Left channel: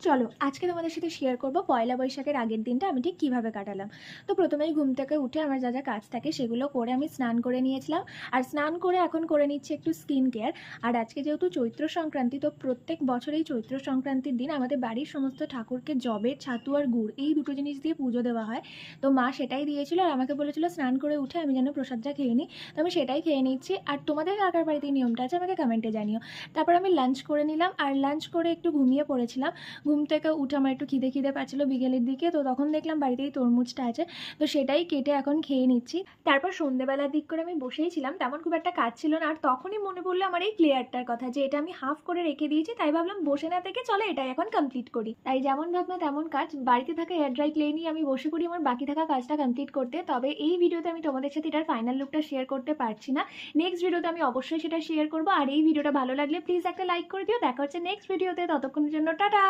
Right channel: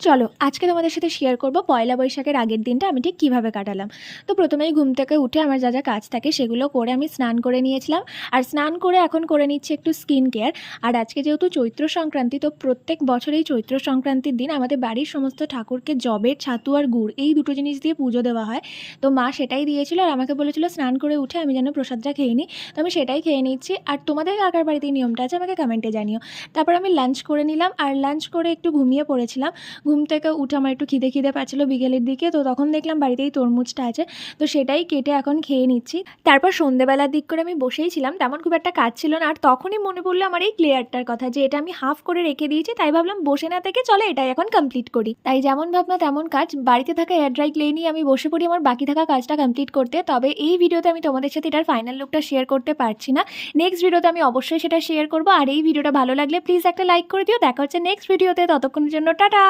চলো আজকে তোমাদের সাথে শেয়ার করব পয়লা বৈশাখের আগের দিনটা আমি ঠিক কীভাবে কাটালাম। তো প্রথমেই ঘুম থেকে উঠে আমার যা যা কাজ থাকে সেগুলো করে আমি স্নান করে নিয়েছিলাম। আর স্নান করে এখন করে নিচ্ছি একটু স্কিন কেয়ার। আর আজকে যেহেতু চৈত্র সংক্রান্তি, তো প্রত্যেক বছরেই চৈত্র সংক্রান্তির দিন আমাদের বাড়ির সমস্ত ঠাকুরকে জবের ছাতু আর গুড় এই দুটো জিনিস দিয়ে পুজো দেওয়া হয়। তো মা সেটাই দিয়েছিল আর আমাকে বলেছিল স্নান করে উঠে আমি যেন প্রসাদটা খেয়ে নিই। তো আমি সেটাই খেয়ে নিচ্ছি। আর তোমাদের কাকার বাড়িতে এই নিয়মটা আছে আমাকে কমেন্টে জানিও। তারপর আমি লাঞ্চ করে নিলাম আর লাঞ্চ করে একটু ঘুমিয়ে পড়েছিলাম। ঘুম থেকে উঠে আমার একটু খিদে খিদে পাচ্ছিলো বিকেলের দিকে, তো তখন দেখলাম বাড়িতেই তরমুজটা আছে, তো সেটাই কেটে এখন খেয়ে নিচ্ছি। তারপর সন্ধেবেলার দিক করে আমি বসেই ছিলাম, তেমন খুব একটা কাজ ছিল না। আর তখনই মনে পড়লো আমার এই ক্লিয়ারটার কথা, যে এটা আমি হাফ করে রেখে দিয়েছি, তাই ভাবলাম বসে না থেকে চলে এটাই এখন কমপ্লিট করি। তাই যেমন ভাবনা তেমন কাজ, বাড়িতে থাকা এয়ার ড্রাই ক্লে নিয়ে আমি বসে পড়ি আমার বাকি থাকা কাজটা কমপ্লিট করতে। তবে এই ভিডিওতে আমি তোমাদের সাথে এটার ফাইনাল লুকটা শেয়ার করতে পারছি না। নেক্সট ভিডিওতে আমি অবশ্যই সেটা শেয়ার করবো। আর এই ভিডিওটা ভালো লাগলে প্লিজ একটা লাইক করে দিও। দেখা হচ্ছে নেক্সট ভিডিওতে, ততক্ষণের জন্য টাটা।